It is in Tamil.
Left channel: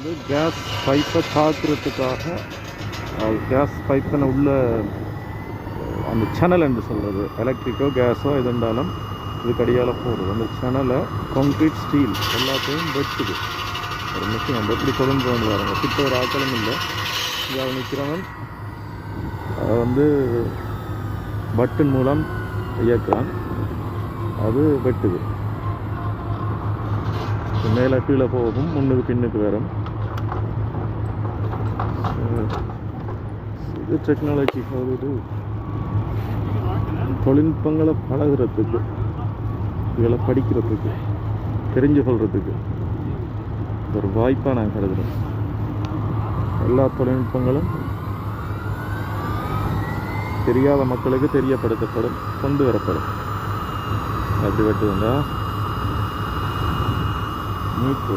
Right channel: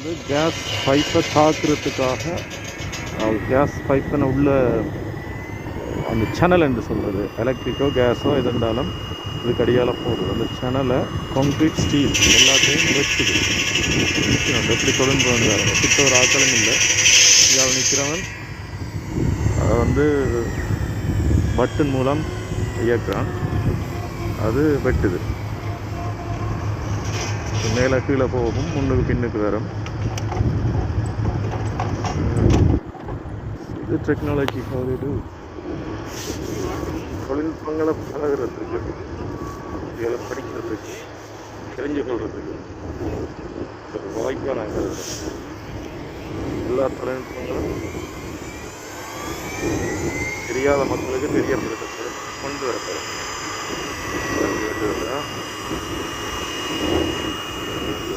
வந்து கேஸ் பைப்பை தாக்குறதுக்காக கேஸ் பைப்பினை உள்ள அந்த சேனல் என்று சொல்கிறது, எலக்ட்ரிக்கோ கேஸோ எதுண்டாலும் இதுக்கு அடியால் போடுது. அந்த சேனலை கான்க்ரீட் ஸ்டீல் எல்லாத்தையும் வெட்டுது. நம்ம எப்படி கொண்டு வந்துடுறாங்க, கிட்ட ஒரு ஆக்களும் இல்லை. இங்கே நிற்கிறவன் அதை வந்து பட்டன் மூலம் இயக்குறான், அது வெட்டுது. மேலே கீழே போகும், முன்னுக்கு பின்னுக்கு வரும். இது டெக்னாலஜி போகுது தொழில்நுட்பங்களை பழகிறதுக்கு, இதில் படிக்கிறதுக்கு, தெரிஞ்சு கொள்றதுக்கு ஒரு வாய்ப்பாக நான் கருதுகிறேன். எல்லா தொழில்நுட்பங்களும் தெரியாத மக்களுக்கு தெரியப்படுத்தப்படும், கொண்டு வரப்படும். அப்படி வெட்டுவா மீட்பு